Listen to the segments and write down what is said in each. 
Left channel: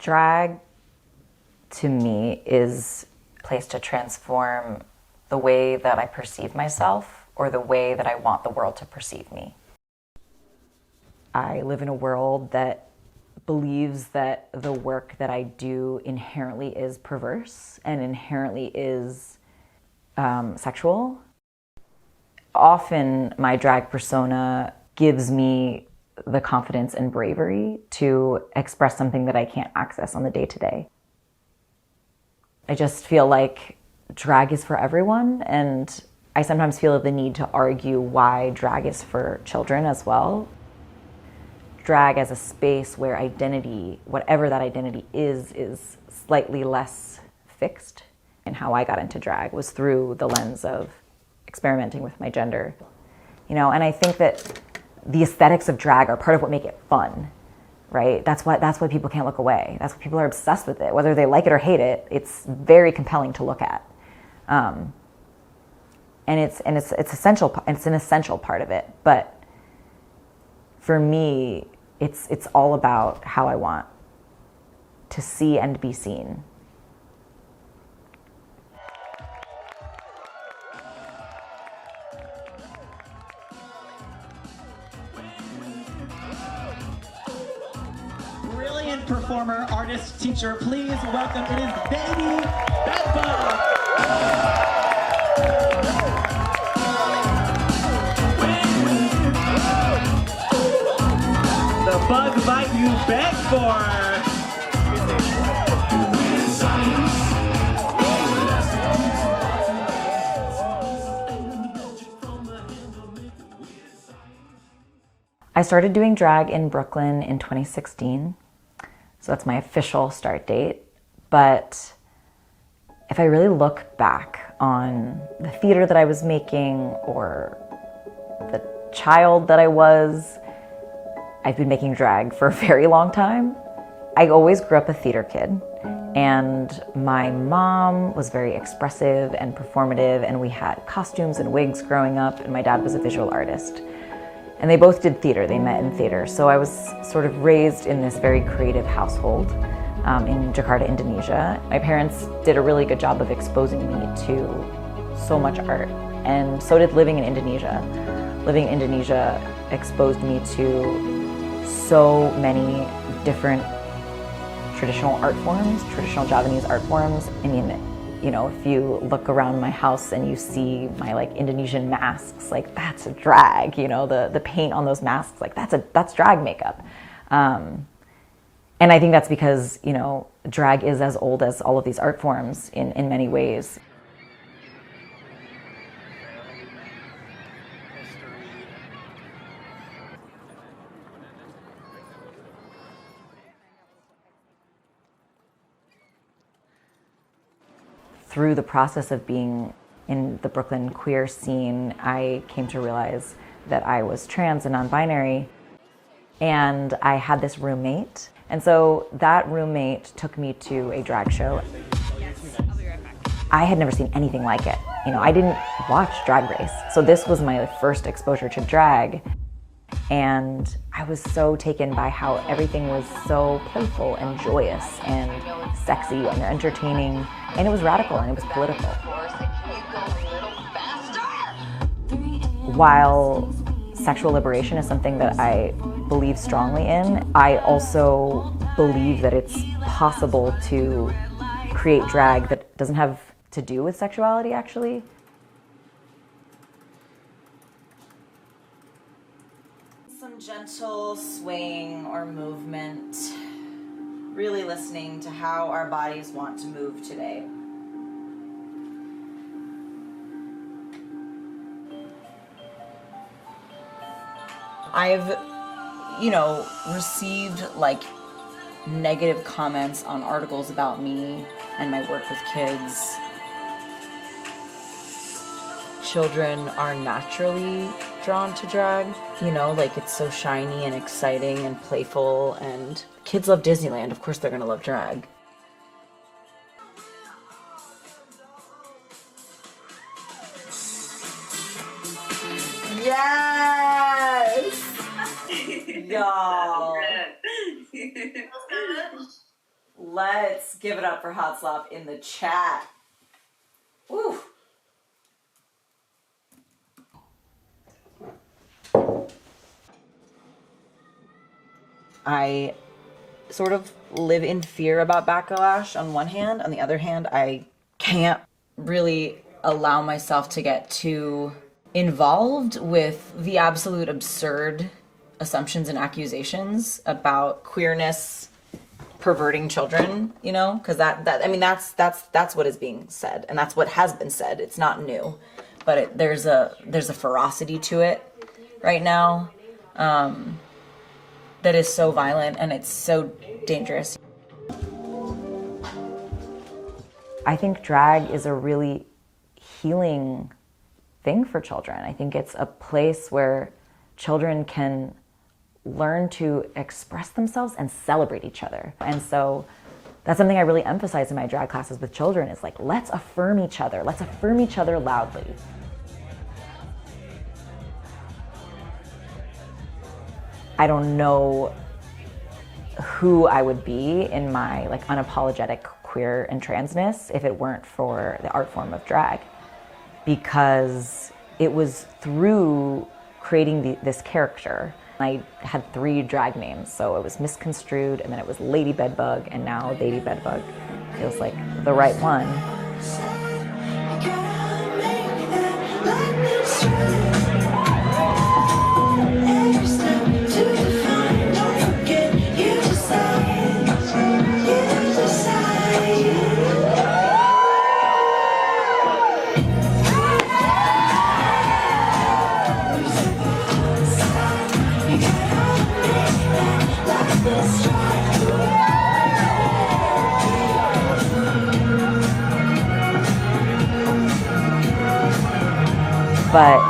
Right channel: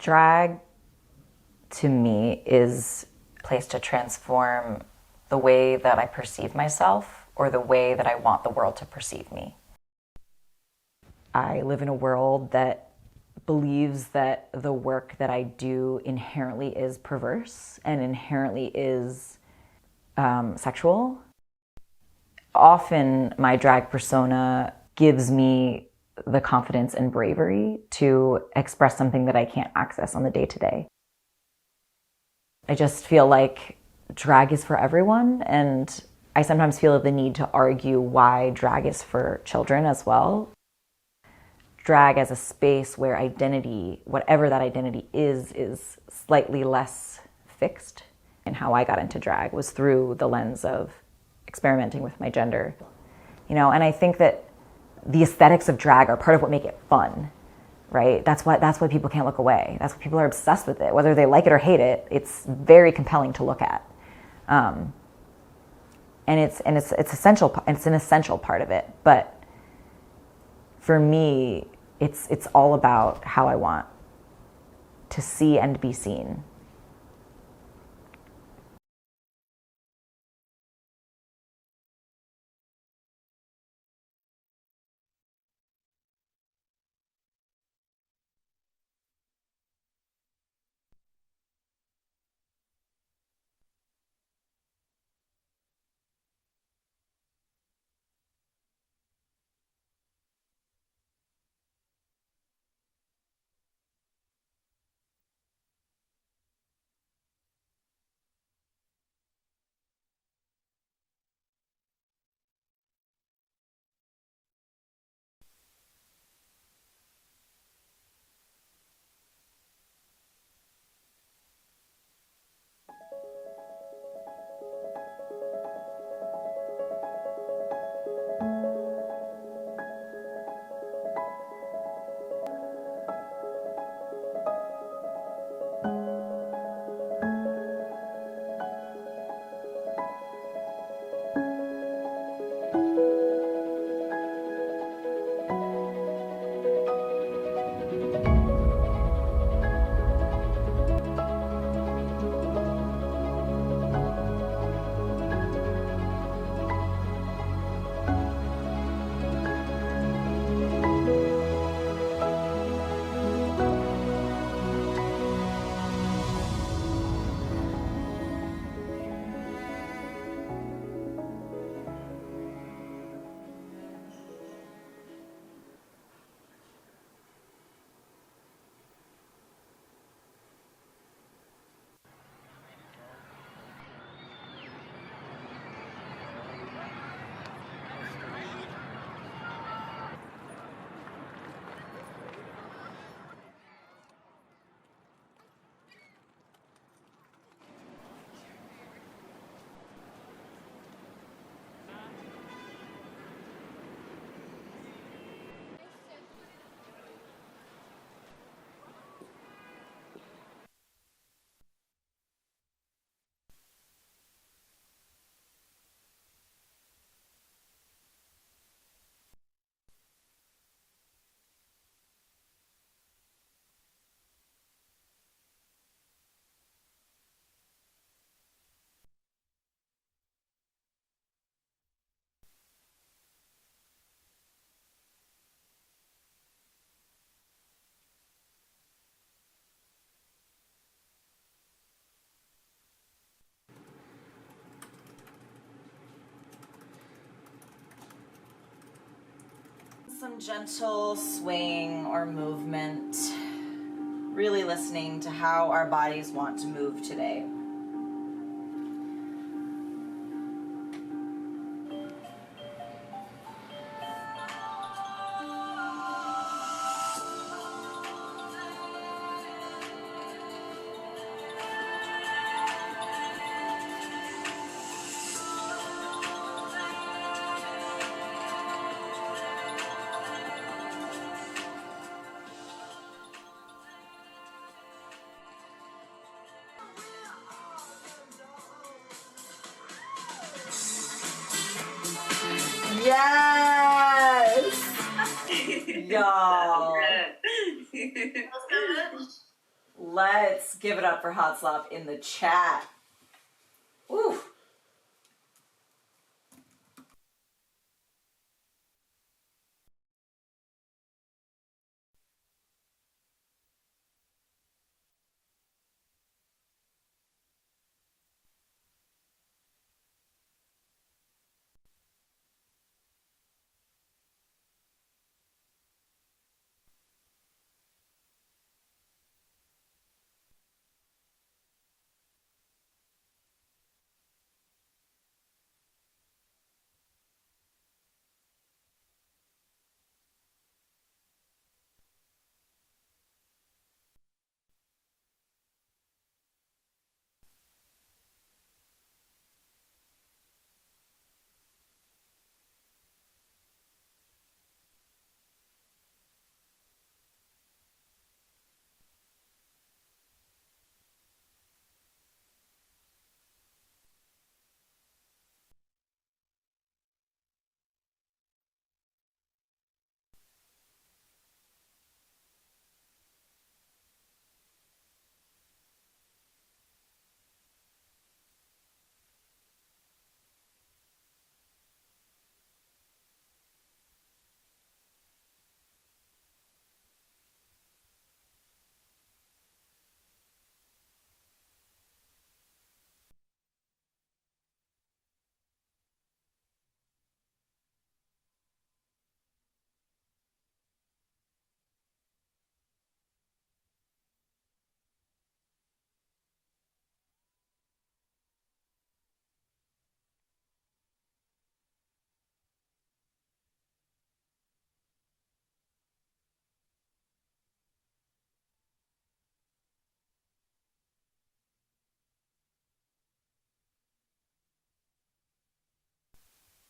Drag, to me, is a place to transform the way that I perceive myself or the way that I want the world to perceive me. I live in a world that believes that the work that I do inherently is perverse and inherently is sexual. Often my drag persona gives me the confidence and bravery to express something that I can't access on the day-to-day. I just feel like drag is for everyone, and I sometimes feel the need to argue why drag is for children as well. Drag as a space where identity, whatever that identity is slightly less fixed. And how I got into drag was through the lens of experimenting with my gender. And I think that the aesthetics of drag are part of what make it fun, right? That's why people can't look away. That's why people are obsessed with it. Whether they like it or hate it, it's very compelling to look at. And it's essential. It's an essential part of it. But for me, it's all about how I want to see and be seen. Brilliant performer, artist, teacher, please welcome, it is Theydy Bedbug. The bug bite you beg for. I started doing drag in Brooklyn in 2016, so that's my official start date. But if I really look back on the theater that I was making or the child that I was, I've been making drag for a very long time. I always grew up a theater kid, and my mom was very expressive and performative, and we had costumes and wigs growing up, and my dad was a visual artist. And they both did theater, they met in theater. So I was sort of raised in this very creative household in Jakarta, Indonesia. My parents did a really good job of exposing me to so much art, and so did living in Indonesia. Living in Indonesia exposed me to so many different traditional art forms, traditional Javanese art forms. I mean, if you look around my house and you see my Indonesian masks, that's a drag. The paint on those masks, that's drag makeup. And I think that's because drag is as old as all of these art forms in many ways. Through the process of being in the Brooklyn queer scene, I came to realize that I was trans and non-binary, and I had this roommate. And so that roommate took me to a drag show. I had never seen anything like it. I didn't watch Drag Race, so this was my first exposure to drag. And I was so taken by how everything was so playful and joyous and sexy and entertaining, and it was radical and it was political. While sexual liberation is something that I believe strongly in, I also believe that it's possible to create drag that doesn't have to do with sexuality, actually. Some gentle swaying or movement, really listening to how our bodies want to move today. I've, received negative comments on articles about me and my work with kids. Children are naturally drawn to drag, it's so shiny and exciting and playful, and kids love Disneyland, of course they're gonna love drag. Yes! Y'all. Let's give it up for Hot Slop in the chat. Woo! I sort of live in fear about backlash on one hand. On the other hand, I can't really allow myself to get too involved with the absolute absurd assumptions and accusations about queerness perverting children, you know, because that's what is being said, and that's what has been said. It's not new, but there's a ferocity to it right now that is so violent, and it's so dangerous. I think drag is a really healing thing for children. I think it's a place where children can learn to express themselves and celebrate each other. And so that's something I really emphasize in my drag classes with children, is like, let's affirm each other. Let's affirm each other loudly. I don't know who I would be in my like unapologetic queer and transness if it weren't for the art form of drag, because it was through creating this character. I had 3 drag names, so it was Misconstrued, and then it was Lady Bedbug, and now Theydy Bedbug feels like the right one. But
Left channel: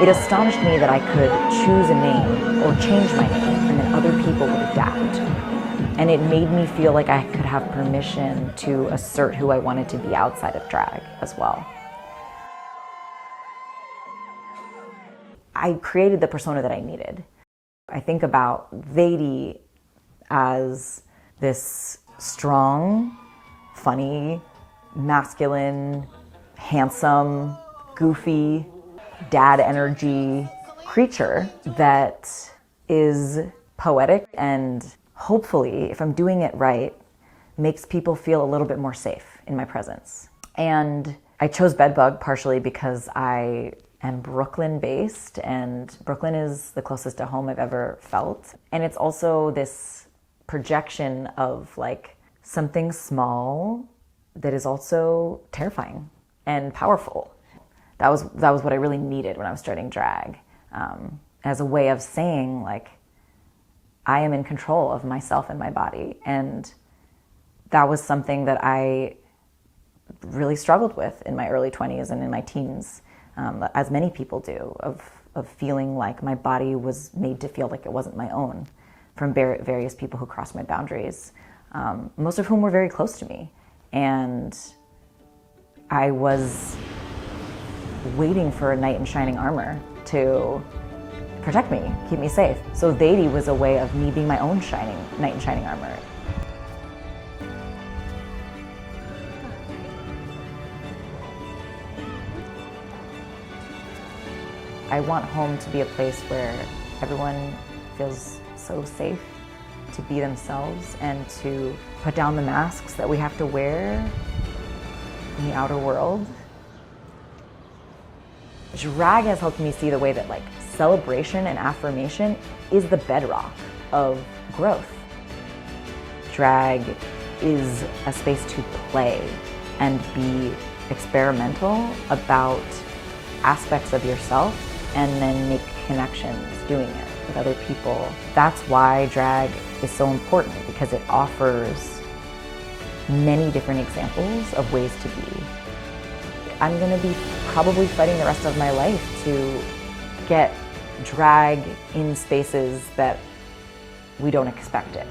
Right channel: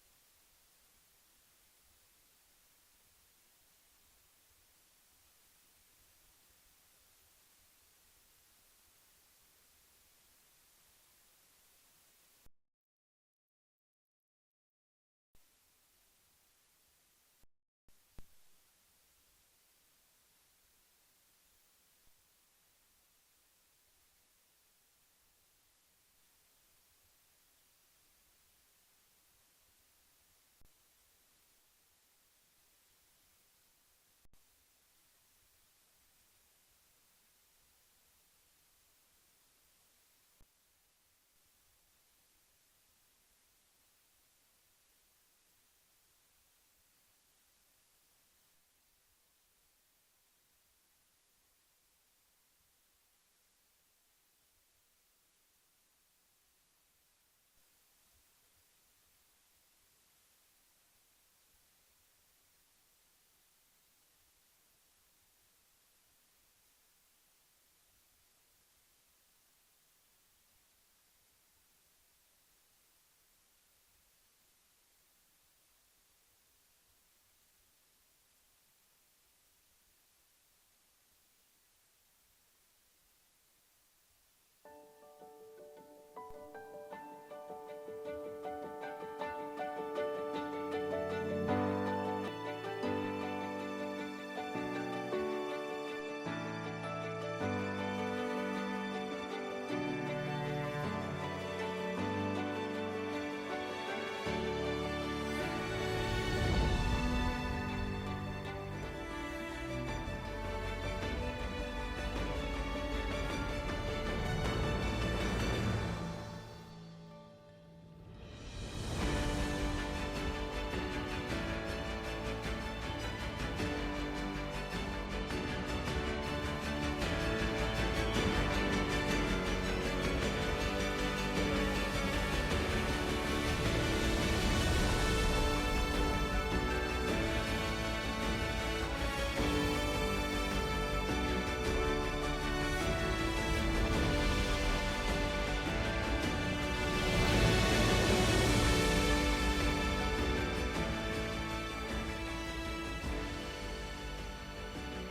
it astonished me that I could choose a name or change my name, and then other people would adapt. And it made me feel like I could have permission to assert who I wanted to be outside of drag as well. I created the persona that I needed. I think about Theydy as this strong, funny, masculine, handsome, goofy, dad energy creature that is poetic and hopefully, if I'm doing it right, makes people feel a little bit more safe in my presence. And I chose Bedbug partially because I am Brooklyn based, and Brooklyn is the closest to home I've ever felt. And it's also this projection of like something small that is also terrifying and powerful. That was what I really needed when I was starting drag, as a way of saying like, I am in control of myself and my body. And that was something that I really struggled with in my early 20s and in my teens, as many people do, of feeling like my body was made to feel like it wasn't my own from various people who crossed my boundaries, most of whom were very close to me. And I was waiting for a knight in shining armor to protect me, keep me safe. So Theydy was a way of me being my own knight in shining armor. I want home to be a place where everyone feels so safe to be themselves and to put down the masks that we have to wear in the outer world. Drag has helped me see the way that like celebration and affirmation is the bedrock of growth. Drag is a space to play and be experimental about aspects of yourself and then make connections doing it with other people. That's why drag is so important, because it offers many different examples of ways to be. I'm gonna be probably fighting the rest of my life to get drag in spaces that we don't expect it.